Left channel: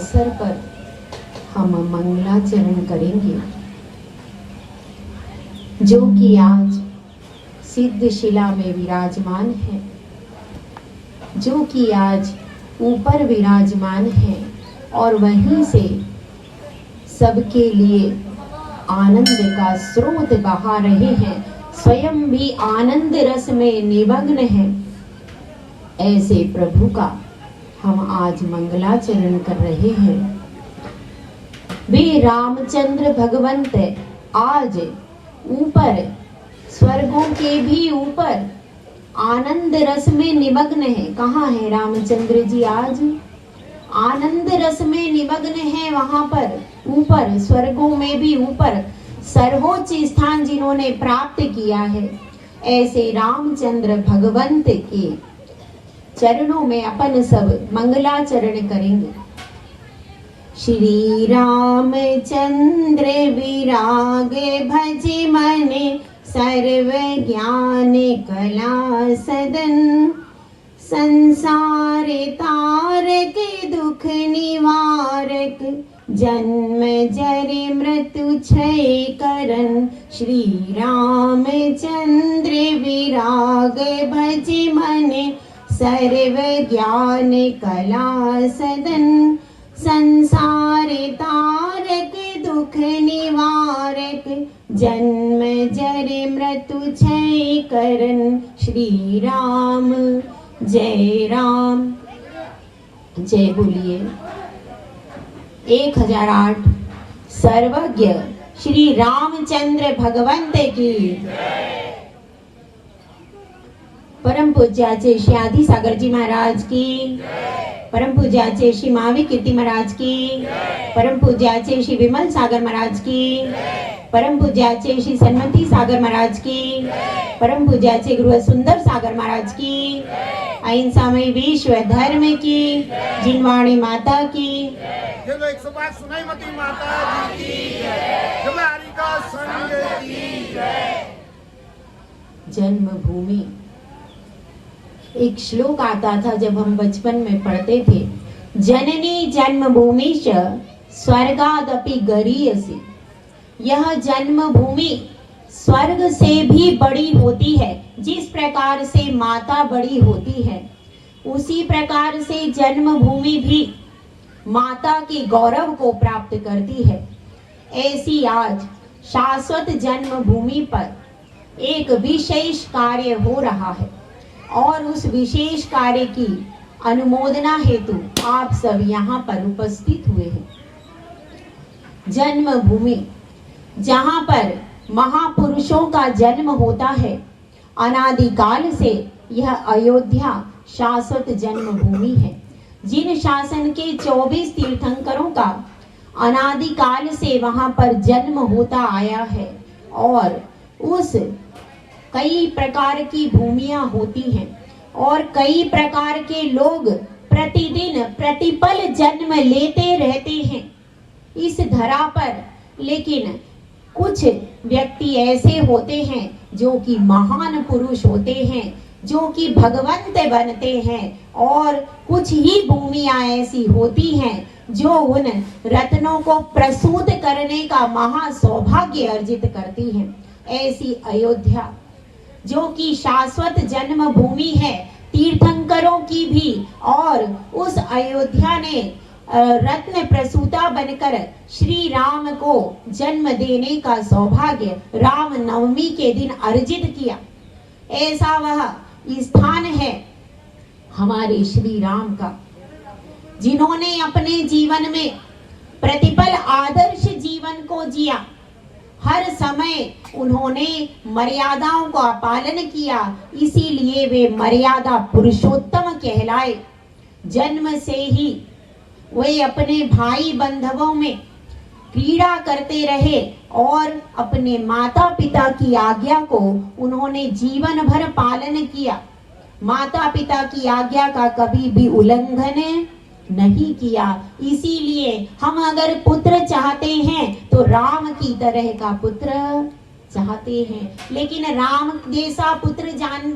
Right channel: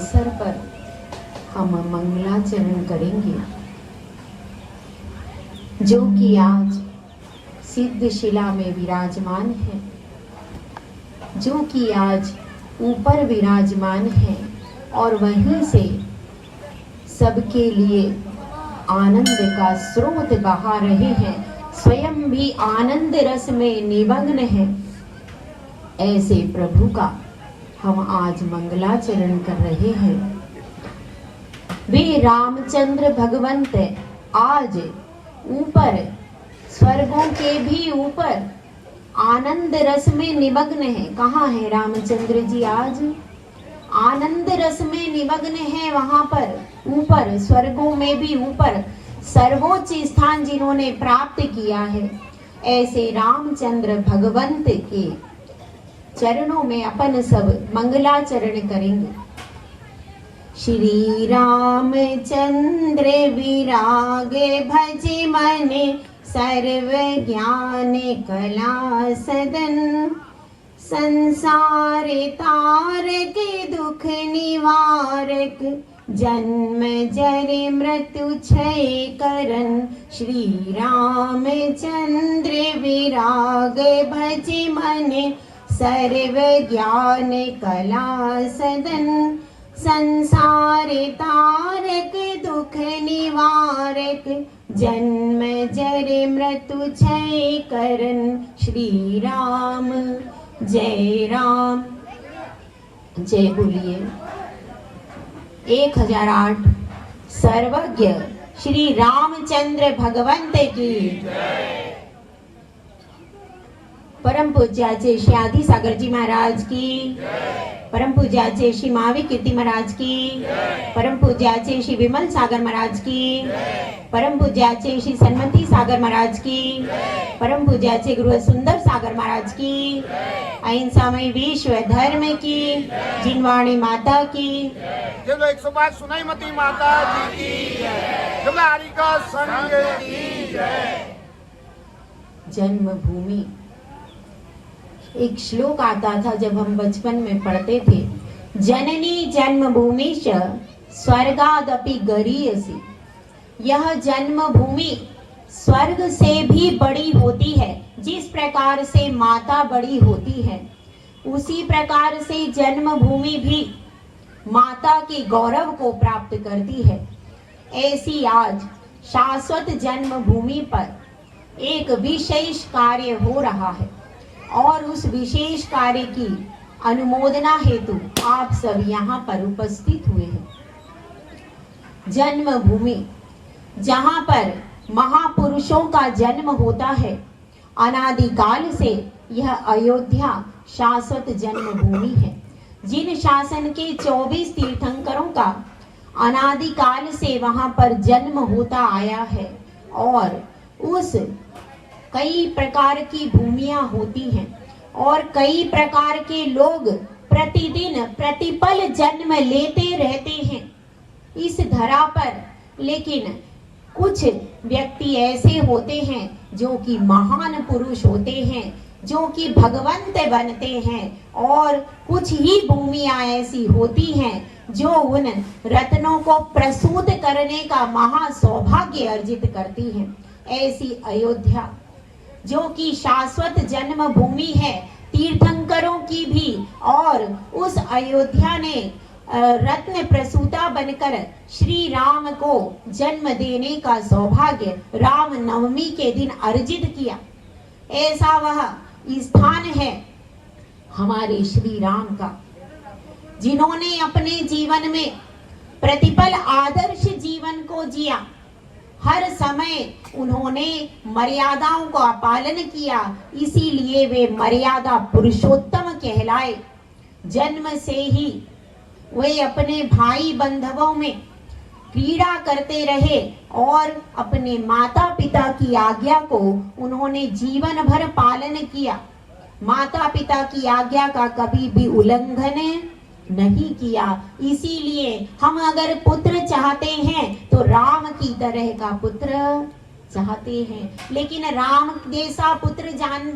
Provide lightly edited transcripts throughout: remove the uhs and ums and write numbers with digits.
अवसर पर हम मंगलाचरण करेंगे, जो कि आज सिद्धशिला में विराजमान है, जो कि आज ऊपर विराजमान है और वहीं से सबके लिए आनंद का स्रोत बहा रहे हैं, स्वयं भी आनंद रस में निमग्न है। ऐसे प्रभु का हम आज मंगलाचरण कर रहे हैं। वे रामचंद्र भगवंत आज ऊपर स्वर्गों के भी ऊपर आनंद रस में निमग्न है। कहाँ है रामचंद्र जी? आज आनंद रस में निमग्न है, वहां पर ऊपर स्वर्गों में भी ऊपर सर्वोच्च स्थान जिन्होंने प्राप्त किया है। ऐसे रामचंद्र भगवंत के चरणों में अपन सब मंगलाचरण करेंगे। श्री रामचंद्र विरागे भज मने, सर्व ज्ञान कला सदन, संसार तारक दुख निवारक, जन्म जर मृत्यु क्षय करन। श्री रामचंद्र विराग भज मने, सर्व ज्ञान कला सदन, संसार तारक दुख निवारक, जन्म जर मृत्यु क्षय करन। श्री राम जय राम। जय बोलिए 1008 सर्वज्ञ श्री रामचंद्र भगवंत की। परम पूज्याचे श्री आदि सागर जी महाराज की, परम पूज्याचे श्री महावीर कीर्ति महाराज की, परम पूज्याचे श्री विमल सागर महाराज की, परम पूज्याचे श्री सन्मति सागर महाराज की, परम पूज्याचे गुरु सुंदर सागर महाराज की, अहिंसा में विश्व धर्म की, जिनवाणी माता की, 108 सुनाई मती माता की जय, का संग की जय। जन्मभूमि एक श्लोक आता था जब हम बचपन में पढ़ते थे, जननी जन्मभूमिश्च स्वर्गादपि गरीयसी। यह जन्मभूमि स्वर्ग से भी बड़ी होती है। जिस प्रकार से माता बड़ी होती है, उसी प्रकार से जन्मभूमि भी माता के गौरव को प्राप्त करती है। ऐसी आज शाश्वत जन्मभूमि पर एक विशेष कार्य हो रहा है और उस विशेष कार्य की अनुमोदना हेतु आप सब यहाँ पर उपस्थित हुए हैं। जन्मभूमि जहाँ पर महापुरुषों का जन्म होता है, अनादिकाल से यह अयोध्या शाश्वत जन्मभूमि है। जिन शासन के 24 तीर्थंकरों का अनादिकाल से वहां पर जन्म होता आया है और उस कई प्रकार की भूमियां होती हैं और कई प्रकार के लोग प्रतिदिन प्रतिपल जन्म लेते रहते हैं इस धरा पर। लेकिन कुछ व्यक्ति ऐसे होते हैं जो कि महान पुरुष होते हैं, जो कि भगवंत बनते हैं, और कुछ ही भूमियां ऐसी होती हैं जो उन रत्नों को प्रसूत करने का महा सौभाग्य अर्जित करती हैं। ऐसी अयोध्या जो कि शाश्वत जन्म भूमि है तीर्थंकरों की भी, और उस अयोध्या ने रत्न प्रसूता बनकर श्री राम को जन्म देने का सौभाग्य राम नवमी के दिन अर्जित किया। ऐसा वह स्थान है हमारे श्री राम का, जिन्होंने अपने जीवन में प्रतिपल आदर्श जीवन को जिया। हर समय उन्होंने मर्यादाओं का पालन किया, इसीलिए वे मर्यादा पुरुषोत्तम कहलाए। जन्म से ही वे अपने भाई बंधवों में क्रीड़ा करते रहे और अपने माता पिता की आज्ञा को उन्होंने जीवन भर पालन किया। माता पिता की आज्ञा का कभी भी उल्लंघन नहीं किया। इसीलिए हम अगर पुत्र चाहते हैं तो राम की तरह का पुत्र चाहते हैं, लेकिन राम जैसा पुत्र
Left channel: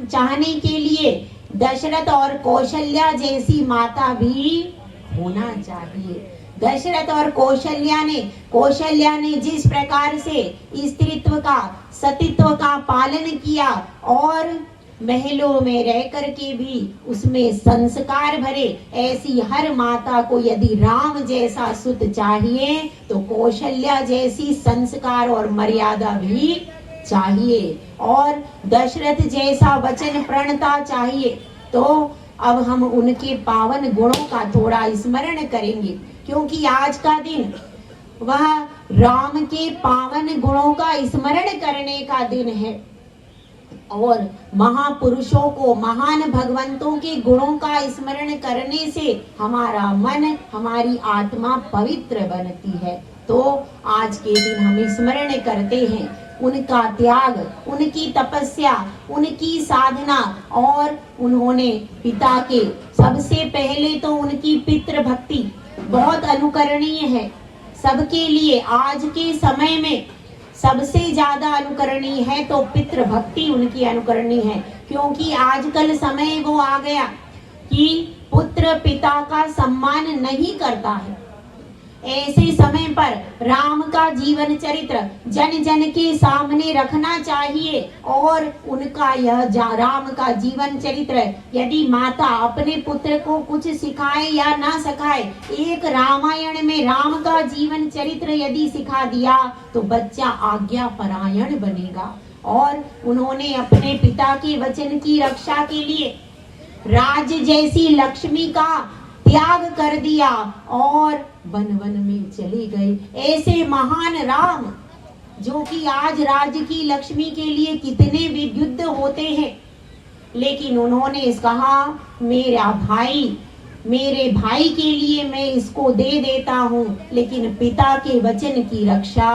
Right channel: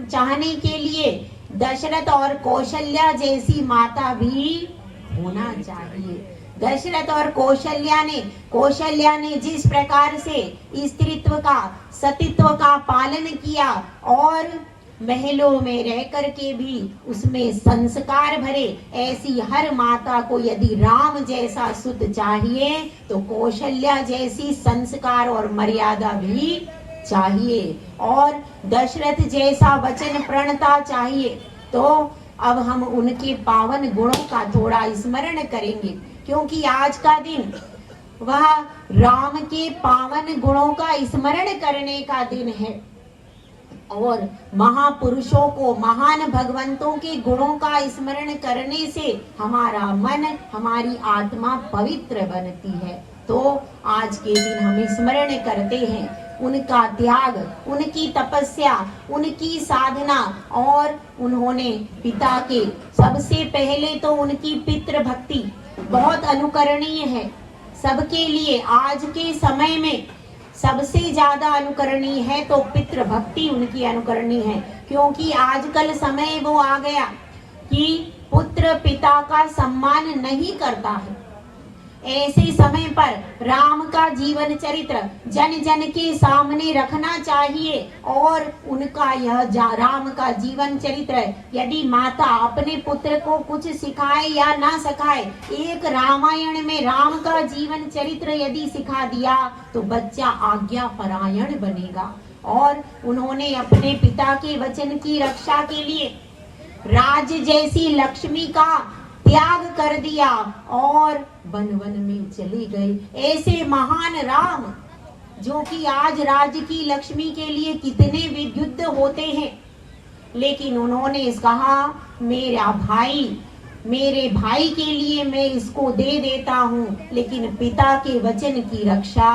चाहने के लिए दशरथ और कौशल्या जैसी माता भी होना चाहिए। दशरथ और कौशल्या ने जिस प्रकार से स्त्रीत्व का सतीत्व का पालन किया और महलों में रह करके भी उसमें संस्कार भरे, ऐसी हर माता को यदि राम जैसा सुत चाहिए तो कौशल्या जैसी संस्कार और मर्यादा भी चाहिए, और दशरथ जैसा वचन प्रणता चाहिए। तो अब हम उनके पावन गुणों का थोड़ा स्मरण करेंगे, क्योंकि आज का दिन वह राम के पावन गुणों का स्मरण करने का दिन है और महापुरुषों को, महान भगवंतों के गुणों का स्मरण करने से हमारा मन, हमारी आत्मा पवित्र बनती है। तो आज के दिन हम स्मरण करते हैं उनका त्याग, उनकी तपस्या, उनकी साधना, और उन्होंने पिता के, सबसे पहले तो उनकी पितृ भक्ति बहुत अनुकरणीय है सबके लिए। आज के समय में सबसे ज्यादा अनुकरणीय है तो पितृ भक्ति उनकी अनुकरणीय है, क्योंकि आजकल समय वो आ गया कि पुत्र पिता का सम्मान नहीं करता है। ऐसे समय पर राम का जीवन चरित्र जन जन के सामने रखना चाहिए, और उनका यह राम का जीवन चरित्र यदि माता अपने पुत्र को कुछ सिखाए या ना सिखाए, एक रामायण में राम का जीवन चरित्र यदि सिखा दिया तो बच्चा आज्ञा परायण बनेगा। और उन्होंने अपने पिता के वचन की रक्षा के लिए राज जैसी लक्ष्मी का त्याग कर दिया और वन वन में चले गए। ऐसे महान राम जो कि आज राज्य की लक्ष्मी के लिए कितने विद्युत होते हैं, लेकिन उन्होंने कहा मेरे भाई के लिए मैं इसको दे देता हूँ, लेकिन पिता के वचन की रक्षा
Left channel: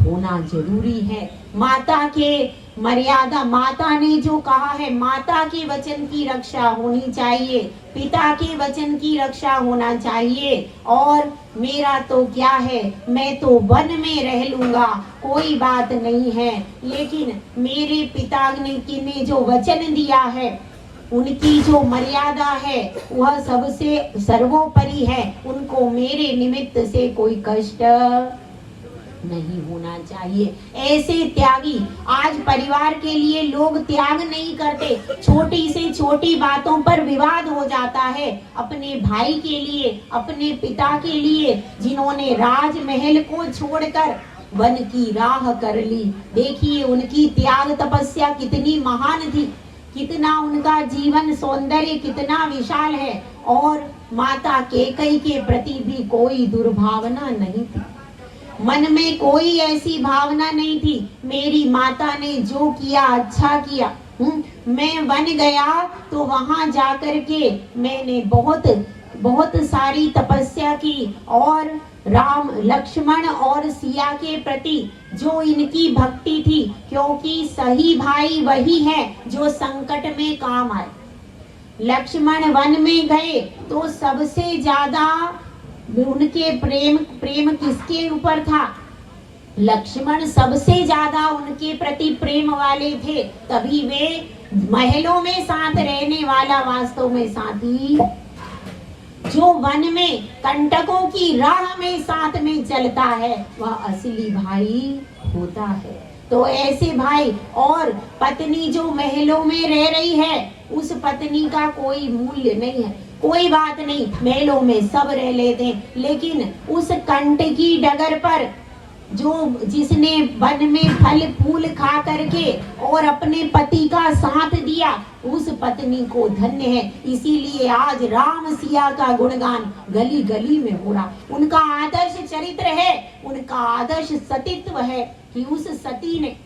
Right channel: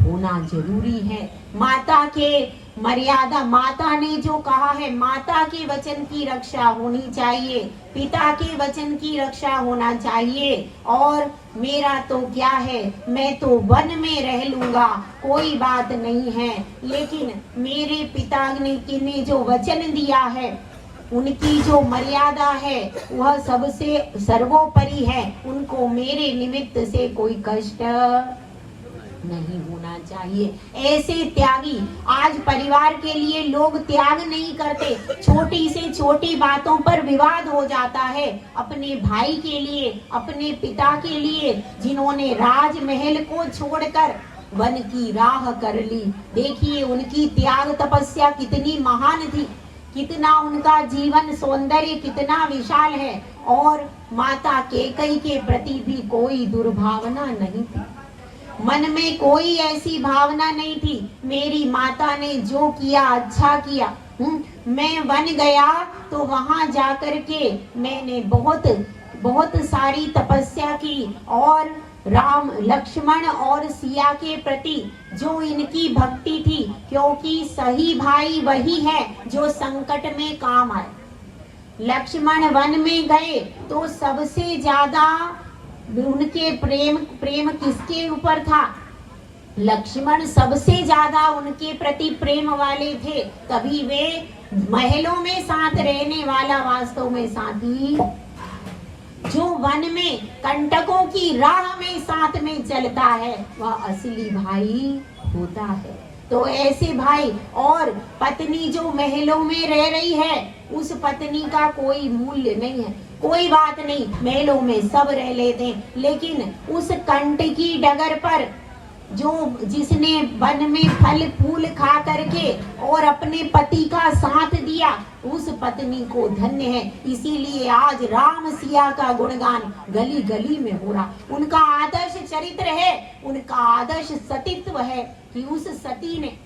होना जरूरी है। माता के मर्यादा, माता ने जो कहा है, माता के वचन की रक्षा होनी चाहिए, पिता के वचन की रक्षा होना चाहिए। और मेरा तो क्या है, मैं तो वन में रह लूंगा, कोई बात नहीं है, लेकिन मेरे पिता ने जो वचन दिया है, उनकी जो मर्यादा है वह सबसे सर्वोपरि है। उनको मेरे निमित्त से कोई कष्ट नहीं होना चाहिए। ऐसे त्यागी, आज परिवार के लिए लोग त्याग नहीं करते, छोटी से छोटी बातों पर विवाद हो जाता है। अपने भाई के लिए, अपने पिता के लिए, जिन्होंने राजमहल को छोड़कर वन की राह कर ली, देखिए उनकी त्याग तपस्या कितनी महान थी, कितना उनका जीवन सौंदर्य कितना विशाल है। और माता कैकेयी के प्रति भी कोई दुर्भावना नहीं थी, मन में कोई ऐसी भावना नहीं थी, मेरी माता ने जो किया अच्छा किया। मैं वन गया तो वहां जाकर के मैंने बहुत सारी तपस्या की, और राम, लक्ष्मण और सिया के प्रति जो इनकी भक्ति थी, क्योंकि सही भाई वही है जो संकट में काम आए। लक्ष्मण वन में गए तो सबसे ज्यादा उनके प्रेम किसके ऊपर था? लक्ष्मण सबसे ज्यादा उनके प्रति प्रेम वाले थे, तभी वे महलों में साथ रहने वाला वास्तव में साथी, जो वन में कंटकों की राह में साथ में चलता है, वह असली भाई होता है। तो ऐसे भाई, और पत्नी जो महलों में रह रही है, उस पत्नी का कोई मूल्य नहीं है, कोई बात नहीं, महलों में सब रह लेते हैं, लेकिन उस कंटकी डगर पर जिसने वन में फल फूल खा करके और अपने पति का साथ दिया, उस पत्नी को धन्य है। इसीलिए आज राम सिया का गुणगान गली गली में हो रहा। उनका आदर्श चरित्र है, उनका आदर्श सतीत्व है कि उस सती ने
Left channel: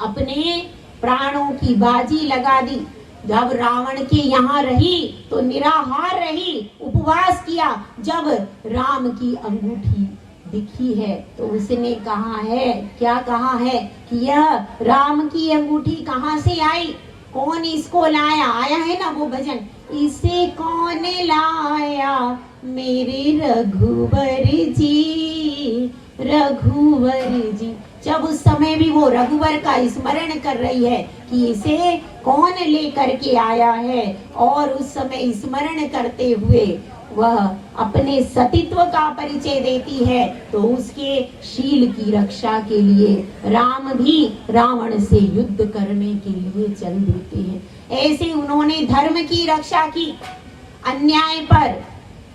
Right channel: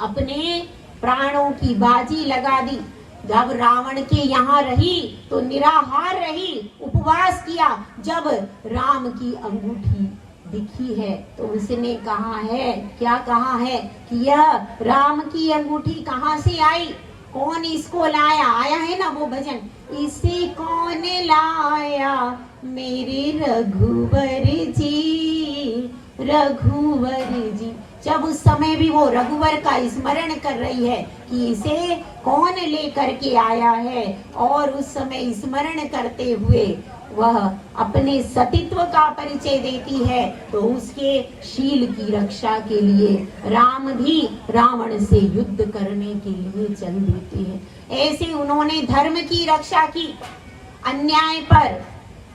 अपने प्राणों की बाजी लगा दी। जब रावण के यहाँ रही तो निराहार रही, उपवास किया। जब राम की अंगूठी दिखी है तो उसने कहा है, क्या कहा है कि यह राम की अंगूठी कहाँ से आई, कौन इसको लाया? आया है ना वो भजन, इसे कौन लाया मेरे रघुवर जी, रघुवर जी। जब उस समय भी वो रघुवर का स्मरण कर रही है कि इसे कौन लेकर के आया है, और उस समय स्मरण करते हुए वह अपने सतीत्व का परिचय देती है, तो उसके शील की रक्षा के लिए राम भी रावण से युद्ध करने के लिए चल देते हैं। ऐसे उन्होंने धर्म की रक्षा की, अन्याय पर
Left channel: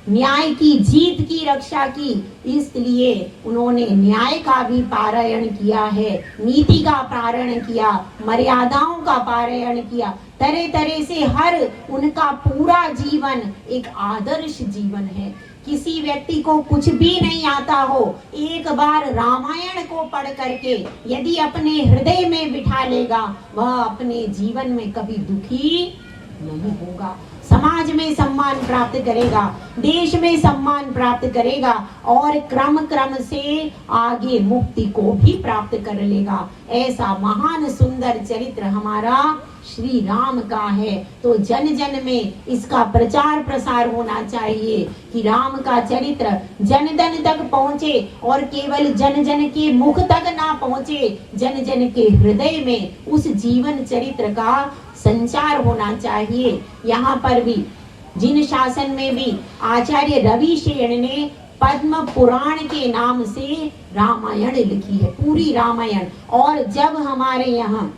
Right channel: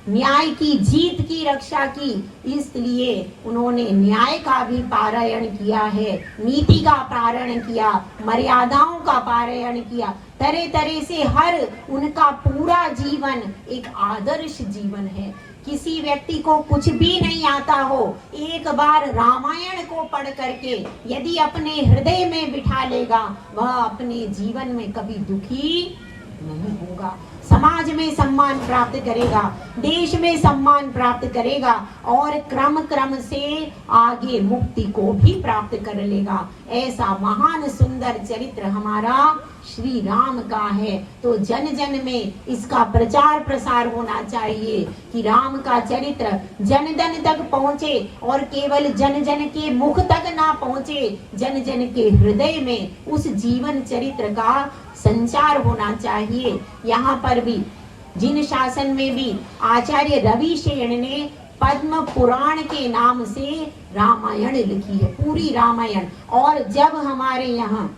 न्याय की जीत की रक्षा की, इसलिए उन्होंने न्याय का भी पारायण किया है, नीति का पारायण किया, मर्यादाओं का पारायण किया, तरह तरह से हर उनका पूरा जीवन एक आदर्श जीवन है। किसी व्यक्ति को कुछ भी नहीं आता हो, एक बार रामायण को पढ़ करके यदि अपने हृदय में बिठा लेगा, वह अपने जीवन में कभी दुखी नहीं होगा, समाज में सम्मान प्राप्त करेगा, देश में सम्मान प्राप्त करेगा और क्रम क्रम से आगे मुक्ति को भी प्राप्त कर लेगा। ऐसा महान सुंदर चरित्र हमारा श्री राम का है। तो जन जन में इसका प्रचार प्रसार होना चाहिए कि राम का चरित्र जन जन तक पहुँचे और केवल जन जन के मुख तक ना पहुँचे, जन जन के हृदय में उस जीवन चरित्र का संचार होना चाहिए। यहाँ पर भी जिन शासन में भी आचार्य रविशेन ने पद्म पुराण के नाम से रामायण लिखी है, पूरी रामायण। और जब हमारे यहाँ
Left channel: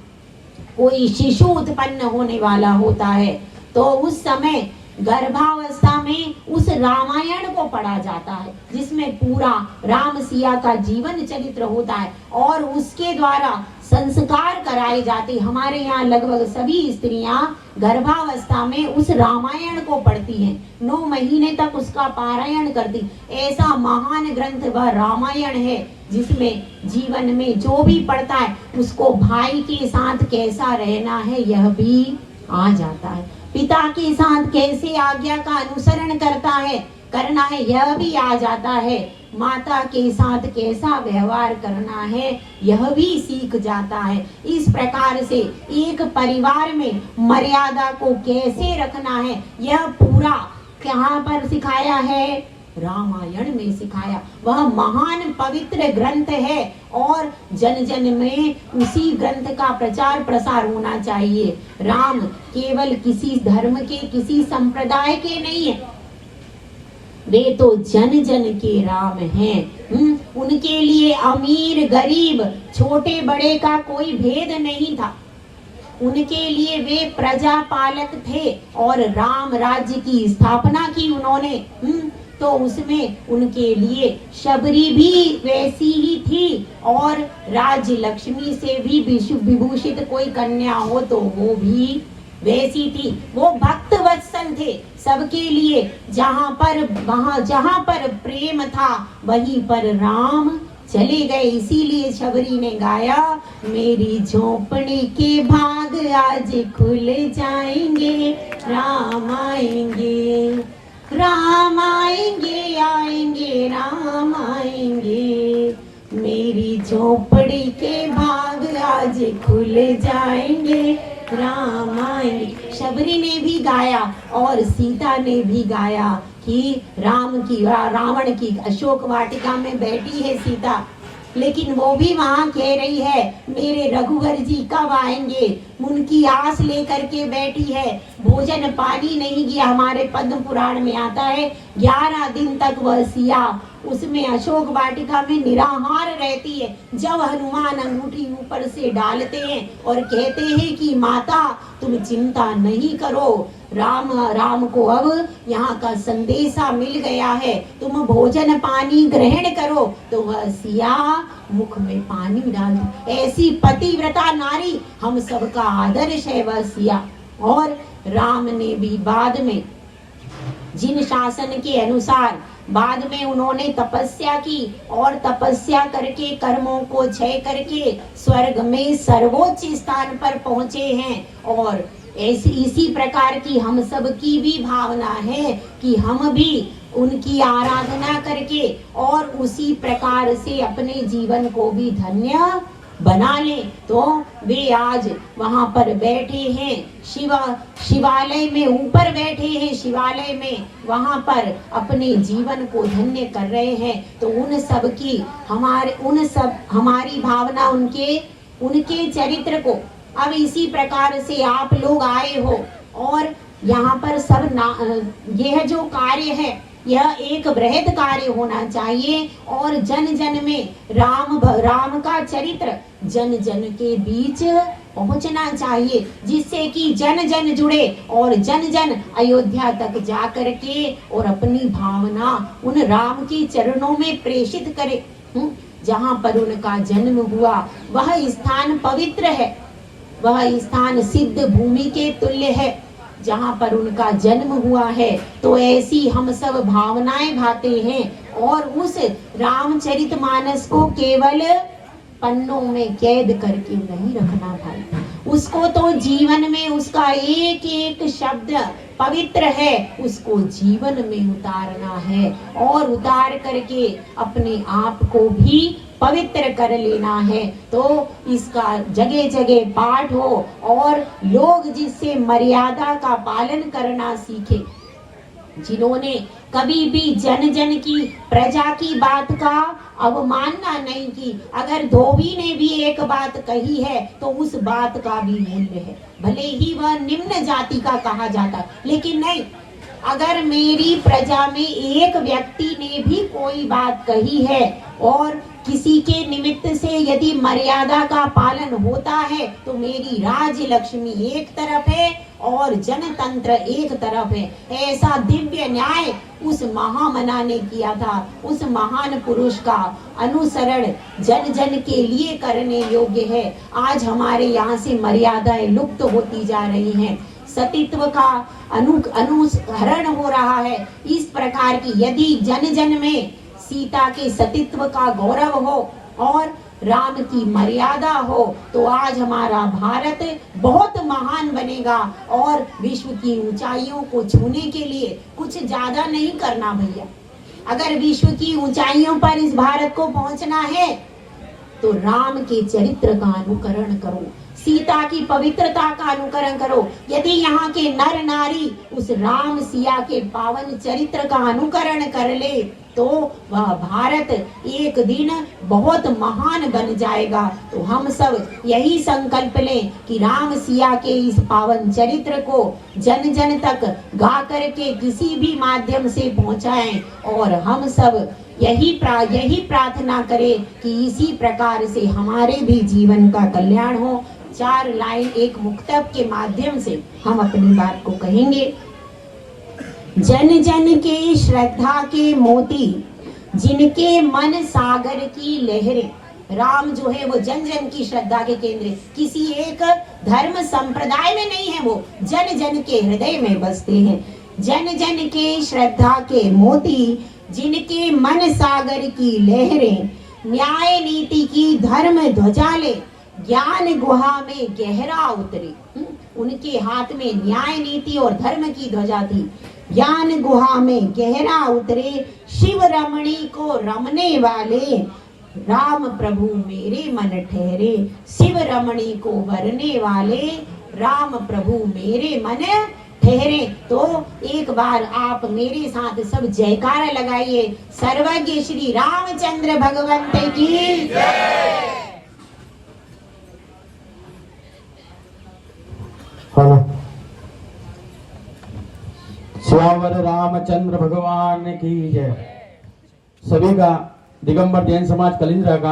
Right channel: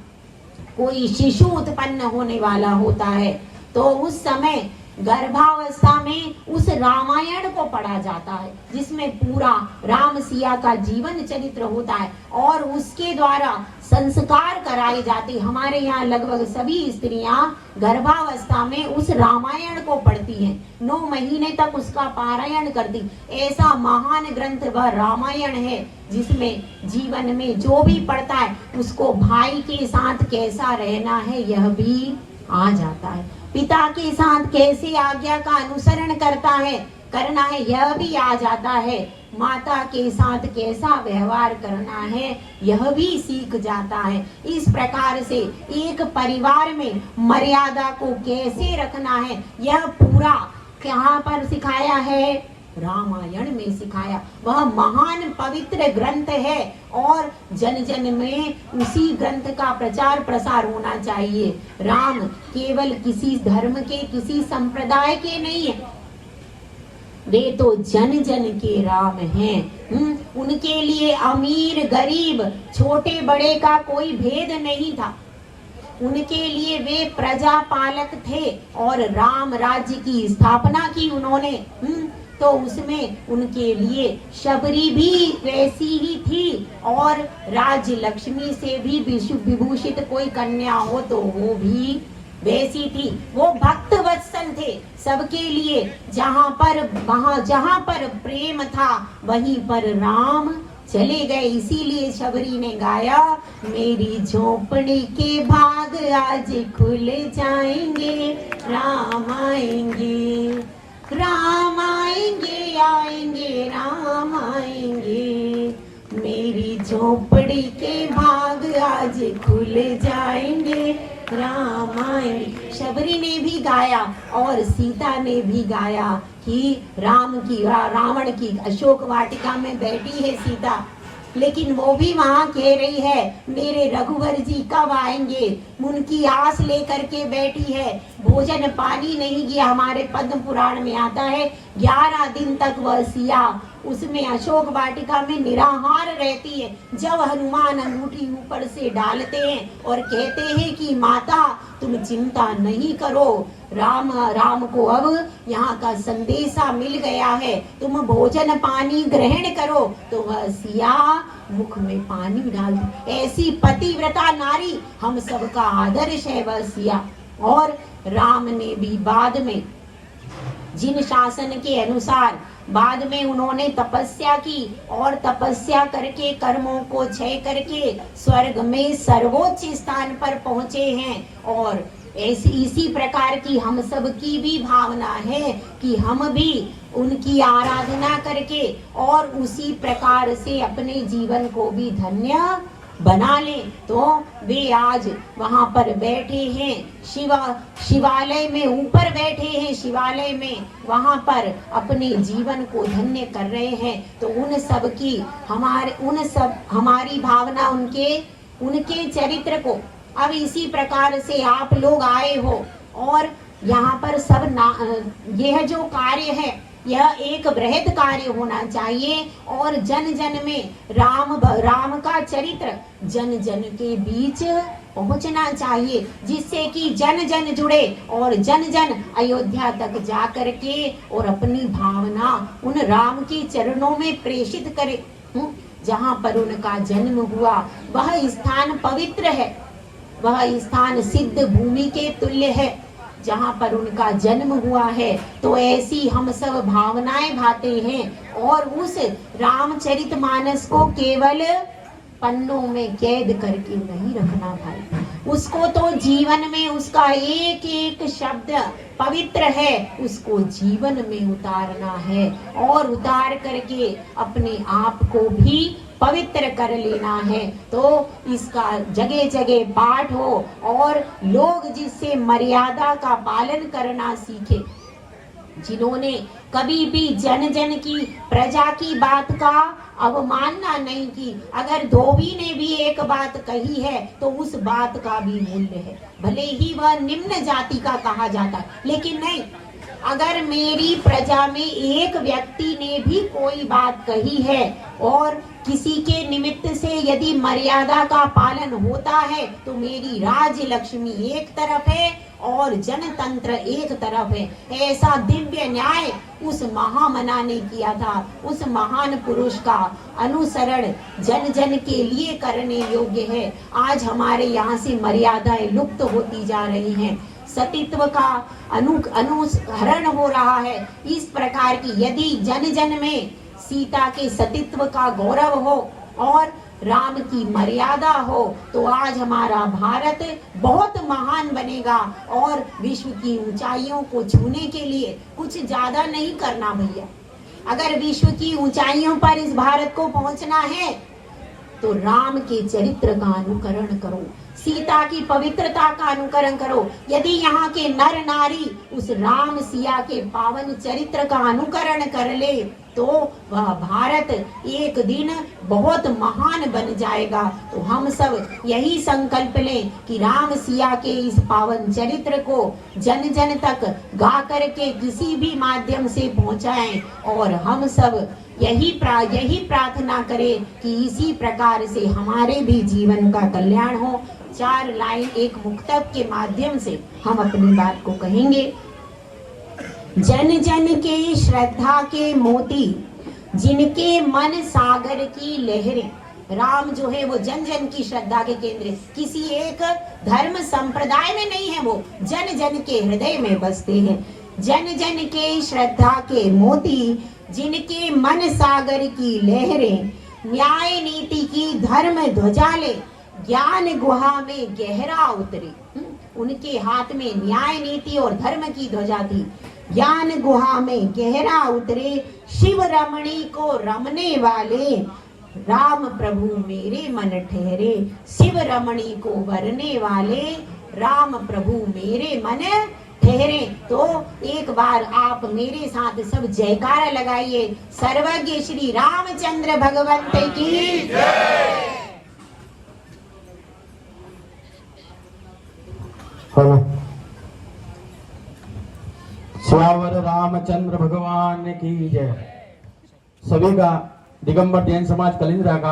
कोई शिशु उत्पन्न होने वाला होता है तो उस समय गर्भावस्था में उस रामायण को पढ़ा जाता है, जिसमें पूरा राम सिया का जीवन चरित्र होता है और उसके द्वारा संस्कार कराए जाते। हमारे यहाँ लगभग सभी स्त्रियां गर्भावस्था में उस रामायण को पढ़ती हैं, 9 महीने तक उसका पारायण करती। ऐसा महान ग्रंथ वह रामायण है, जिसमें जीवन में जो भी पढ़ता है उसको भाई के साथ कैसा रहना है यह भी आ जाता है, पिता के साथ कैसे आज्ञा का अनुसरण करना है यह भी आ जाता है, माता के साथ कैसा व्यवहार करना है यह भी सीख जाता है। इस प्रकार से एक परिवार में मर्यादा को कैसे रखना है यह पूरा कहाँ पर सिखाया है, रामायण में सिखाया। वह महान पवित्र ग्रंथ है और जन जन में उसी ग्रंथ का प्रचार प्रसार होना चाहिए। राम केवल किसी धर्म के, किसी संप्रदाय के नहीं है, वे तो जन जन के राम हैं। उनके लिए अमीर गरीब छोटे बड़े का कोई भेद नहीं था, उनके लिए वे प्रजा पालक थे और राम राज्य की स्थापना की उन्होंने। तो उसमें उनके लिए शबरी भी वैसी ही थी और राज्य लक्ष्मी से भी विभूषित कोई कन्या हो तो वो भी वैसी थी। वो भक्त वत्सल थे सबके लिए, जहाँ पर प्रेम था वहीं पर राम चले गए। इसीलिए शबरी ने गाया, मेरी झोपड़ी के भाग आज खुल जाएंगे, राम आएंगे, राम आएंगे, आएंगे राम आएंगे, मेरी झोपड़ी के भाग आज खुल जाएंगे, राम आएंगे। शबरी ने भी गाया और सीता ने भी गाया कि रावण की अशोक वाटिका में बैठी है सीता, लेकिन वो भी वहाँ कह रही है मेरे रघुवर जी कब आएंगे, उनकी आस लेकर के बैठी है। भोजन पानी नहीं किया, हमारे पद्म पुराण में आता है 11 दिन तक वह सिया उसमें अशोक वाटिका में निराहार रहती है। जब हनुमान अंगूठी ऊपर से डालते हैं और कहते हैं कि माता तुम चिंता नहीं करो, राम को अब यहाँ का संदेशा मिल गया है, तुम भोजन पानी ग्रहण करो, तो वह सिया मुख में पानी डाल दो। ऐसी पतिव्रता नारी हम सबका आदर्श है वह सिया। और राम ने भी बाद में जिन शासन के अनुसार बाद में उन्होंने तपस्या की और तपस्या करके कर्मों को क्षय करके स्वर्ग में सर्वोच्च स्थान पर पहुंचे हैं। और इसी प्रकार की हम सब की भी भावना है कि हम भी उनकी आराधना करके और उसी प्रकार से अपने जीवन को भी धन्य बना ले। तो वे आज वहां पर बैठे हैं, शिवालय में ऊपर बैठे हैं, शिवालय में वहां पर अपने जीवन को धन्य कर रहे हैं। तो उन सब की हमारी भावना उनके चरित्र को अब इसी प्रकार से आप लोग आए हो और यहाँ पर यह जो कार्य है यह एक बृहद कार्य होना चाहिए और जन जन में राम का चरित्र जन जन के बीच पहुंचना चाहिए, जिससे कि जन जन जुड़े और जन जन अयोध्या तक जा करके और अपनी भावना उन राम के चरणों में प्रेषित करे। जहाँ पर उनका जन्म हुआ वह स्थान पवित्र है, वह स्थान सिद्ध भूमि के तुल्य है। जहाँ पर उनका जन्म हुआ है तो ऐसी हम सब भावनाएं भाते हैं और उस रामचरितमानस को केवल पन्नों में कैद करके नहीं रखना भाई, उसको तो जीवन में उसका एक एक शब्द पवित्र है, उसको जीवन में उतारना है और उतार करके अपने आप को भी पवित्र कर लेना है। तो इसका जगह जगह पाठ हो और लोग जिससे मर्यादा का पालन करना सीखे, जिन्होंने कभी भी जन जन की प्रजा की बात का अवमानना नहीं की। अगर धोबी ने भी एक बात कही है तो उस बात का भी मूल्य है, भले ही वह निम्न जाति का कहा जाता है, लेकिन नहीं, अगर मेरी प्रजा में एक व्यक्ति ने भी कोई बात कही है और किसी के निमित्त से यदि मर्यादा का पालन होता है तो मेरी राज्य लक्ष्मी एक तरफ है और जनतंत्र एक तरफ है। ऐसा दिव्य न्याय उस महामना ने किया था। उस महान पुरुष का अनुसरण जन जन के लिए करने योग्य है। आज हमारे यहाँ से मर्यादाएं लुप्त होती जा रही हैं, सतीत्व का अनुहरण हो रहा है। इस प्रकार की यदि जन जन में सीता के सतीत्व का गौरव हो और राम की मर्यादा हो तो आज हमारा भारत बहुत महान बनेगा और विश्व की ऊंचाइयों को छूने के लिए कुछ ज्यादा नहीं करना भैया। अगर विश्व की ऊंचाइयों पर इस भारत को पहुंचना है तो राम के चरित्र का अनुकरण करो, सीता की पवित्रता का अनुकरण करो। यदि यहाँ के नर नारी उस राम सिया के पावन चरित्र का अनुकरण कर ले तो वह भारत एक दिन बहुत महान बन जाएगा। तो हम सब यही संकल्प लें कि राम सिया के इस पावन चरित्र को जन जन तक गा करके किसी भी माध्यम से पहुंचाएं और हम सब यही प्रार्थना करें कि इसी प्रकार से हमारे भी जीवन का कल्याण हो। 4 लाइन एक मुक्तक के माध्यम से हम अपनी बात को कहेंगे। जन जन के श्रद्धा के मोती, जिनके मन सागर की लहरें। राम जो है वो जन जन की श्रद्धा के केंद्र, किसी एक धर्म संप्रदाय में नहीं है, वो जन जन के हृदय में बसते हैं। जन जन के श्रद्धा के मोती, जिनके मन सागर की लहरें, न्याय नीति की धर्म ध्वजा ले, ज्ञान गुहा में गहरा उतरे। उनके हाथ में न्याय नीति और धर्म की ध्वजा थी। ज्ञान गुहा में गहरा उतरे, शिव रमणी को रमने वाले, राम प्रभु मेरे मन ठहरे। शिव रमणी को वरने वाले, राम प्रभु मेरे मन ठहरे। तो एक बार आप मेरे साथ सब जयकारा लगाइए, सर्वज्ञ श्री रामचंद्र भगवंत की जय। श्यावर रामचंद्र भगवान की जय। सभी का दिगंबर जैन समाज कलिंद्रा का